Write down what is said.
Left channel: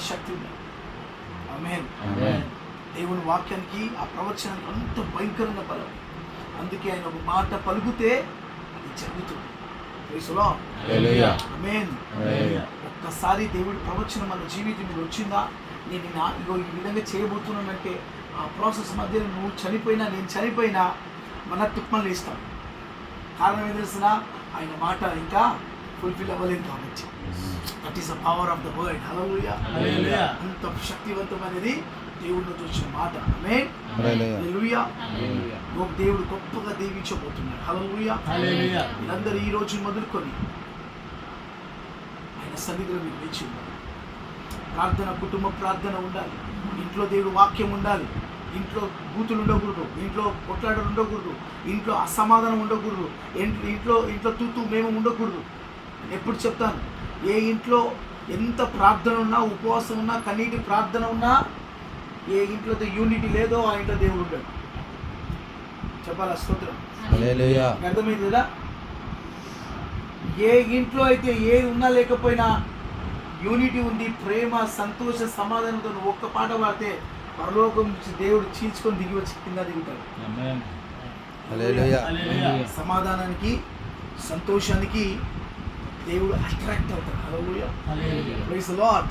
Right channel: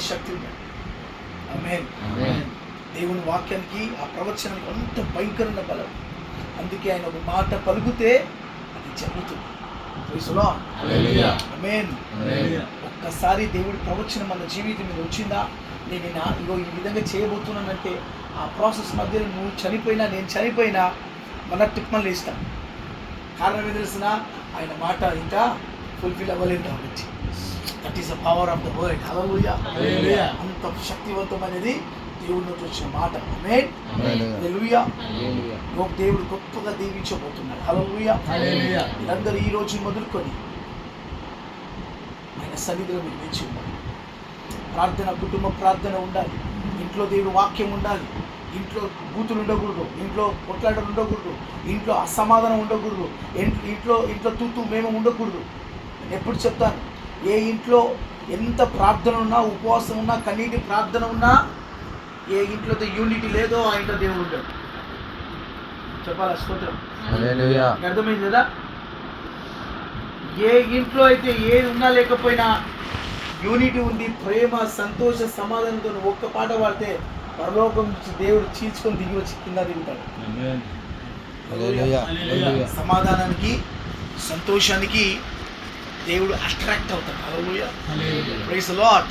శక్తి ఉంది. ఆమేన్. దేవుని వాక్యానికి ఆ ప్రవచనానికి అంత భయంకరమైన బలం. అందుకే ఆయన ఒక మాట పలుకుతే అది జరుగుతుంది. Praise the lord. Hallelujah. Amen. ఒక్కసారి దేవుడి ప్రవచనం మన జీవితం మీద వచ్చిందా, నేను ఇగో ఈ విధంగా చేయబోతున్నానంటే ఆ ప్రాసెస్ మధ్యలో నువ్వు చనిపోయినా నేను చనిపోయినా మన టిప్మలు వేస్తాం. కారణం ఏం తెలిసిన ఆయన మాట ఇంకా ఫుల్ఫిల్ అవ్వలేదు కాబట్టి. That is the power of the word. Hallelujah. Hallelujah. అంత శక్తివంతమైనది దేవుడి నుంచి వచ్చిన మాట. ఆమేన్. హల్లెలూయా. హల్లెలూయా. దేవుడు గొప్పగా దీవించబోతున్నాడు. హల్లెలూయా. హల్లెలూయా. మీరందరూ ఈ రోజు మొదలుకొని ఆయన సన్నిధిలో మీకు వేచి ఉండాలి. ప్రార్థన, కుటుంబ ప్రార్థన ఉండాలి. ఇంట్లో దేవుడు వాక్యం ఉండాలి. ఇంట్లో బూతులు ఉండకూడదు, ఇంట్లో కొట్లాటలు ఉండకూడదు, ఇంట్లో అసమాధానం ఉండకూడదు, ఇంట్లో తూతూ మేము ఉండకూడదు. నేను ఎప్పుడు చెప్తాను, ఏ ఇంట్లో ఎంత ప్రార్థన ఉన్నా, ఉపవాసం ఉన్నా, కన్నీటి ప్రార్థన ఉన్నా, ఏ ఇంట్లో అయితే యూనిటీ లేదో ఆ ఇంట్లో దేవుడు ఉంటాడు. చెప్పాలా? స్తోత్రం. హల్లెలూయా. అర్థమైంది కదా? ఏ ఇంట్లో అయితే ఏది ఉన్నా లేకపోయినా యూనిటీ ఉంది, ప్రేమ, సంతోష, సమాధానంతో నువ్వు ఒక్క పాట పాడితే పరలోకం నుంచి దేవుడు చీల్చుకొని దిగి వచ్చి కింద దిగుతాడు. ఆమేన్. హల్లెలూయా. హల్లెలూయా. సమాధానానికి, సంతోషానికి దేవుడు అట్రాక్ట్ అవుతాడు. Hallelujah. Hallelujah. Praise the lord.